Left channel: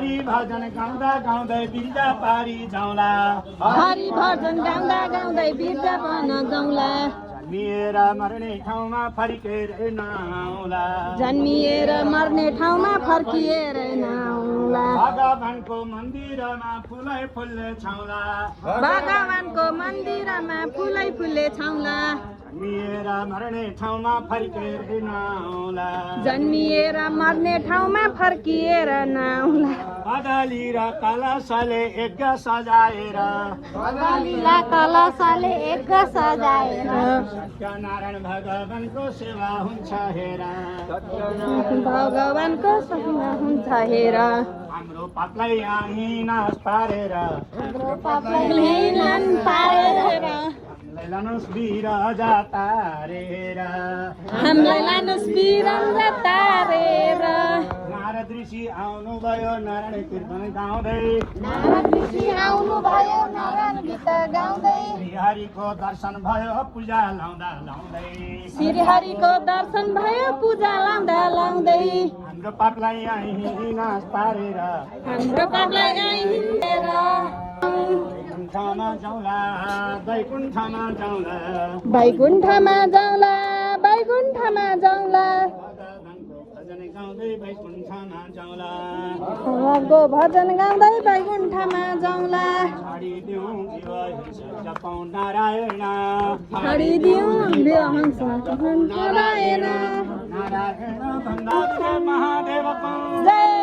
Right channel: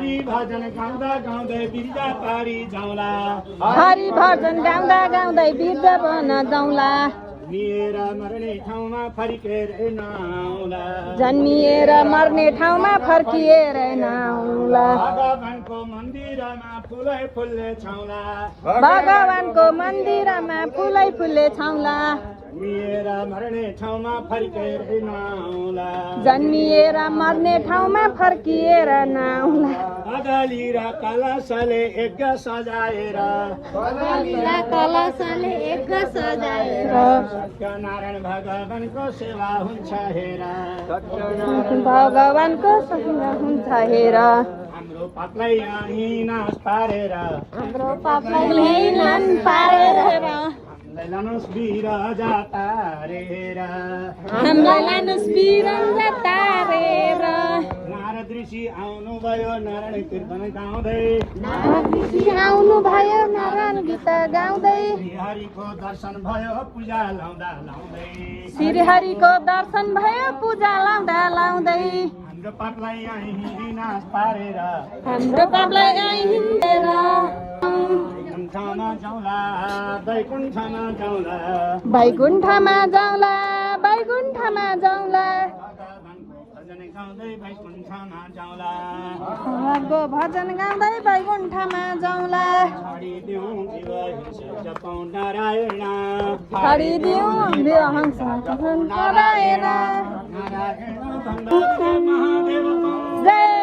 हरि भजन गाउँदा गाउँदै बिर्जा पारी जाउँला हरि भजन गाउँदा गाउँदै बिर्जा बन जाउँला जन्मिएर मर्ने ठाउँमा फर्केर नआउँला जन्मिएर मर्ने ठाउँमा फर्किएर नआउँला भगवानको मन्दिरमा फुलै फुलले छाउँला भगवानको मन्दिरमा फुलै फुलले छाउँला जन्मिएर मर्ने ठाउँमा फर्केर नआउँला जन्मिएर मर्ने ठाउँमा फर्किएर नआउँला अदाली र कलशले यज्ञ सजाएर कलशले एक सजाएर सत्यनारायण भगवानको सेवा हुन्छ हेर भगवानको सेवा हुन्छ हेर हाम्रो पापलाई यहाँ नाश पारेर हाम्रो पापलाई हिलन पारेर लानुस् बिरजा तारेर हामीलाई लानुस् बिरजा तारेर नारद ऋषि आउनुभयो नारायण कीर्तन गाउँदै नारद ऋषि आउनुभयो नारायण गीत गाउँदै श्रीहरिको दर्शन भयो पूजा लाउँदा लाउँदै श्रीहरिको दर्शन भयो पूजा लाउँदा लाउँदै हाम्रो पापलाई यहीँ नाश पारेर हाम्रो पापलाई हिँडेर वैकुण्ठमा जाउँला वैकुण्ठमा जाउँला वैकुण्ठमा जाउँला वैकुण्ठमा जाउँला भजन गाउँदै वैकुण्ठमा जाउँला भगवानको भजन गाउँदै वैकुण्ठमा जाउँला छाडिदिउँ जीव जपौँ नारायण छाडिदिउँ देवहंस नारायण नारायण भन्दा महादेवको जय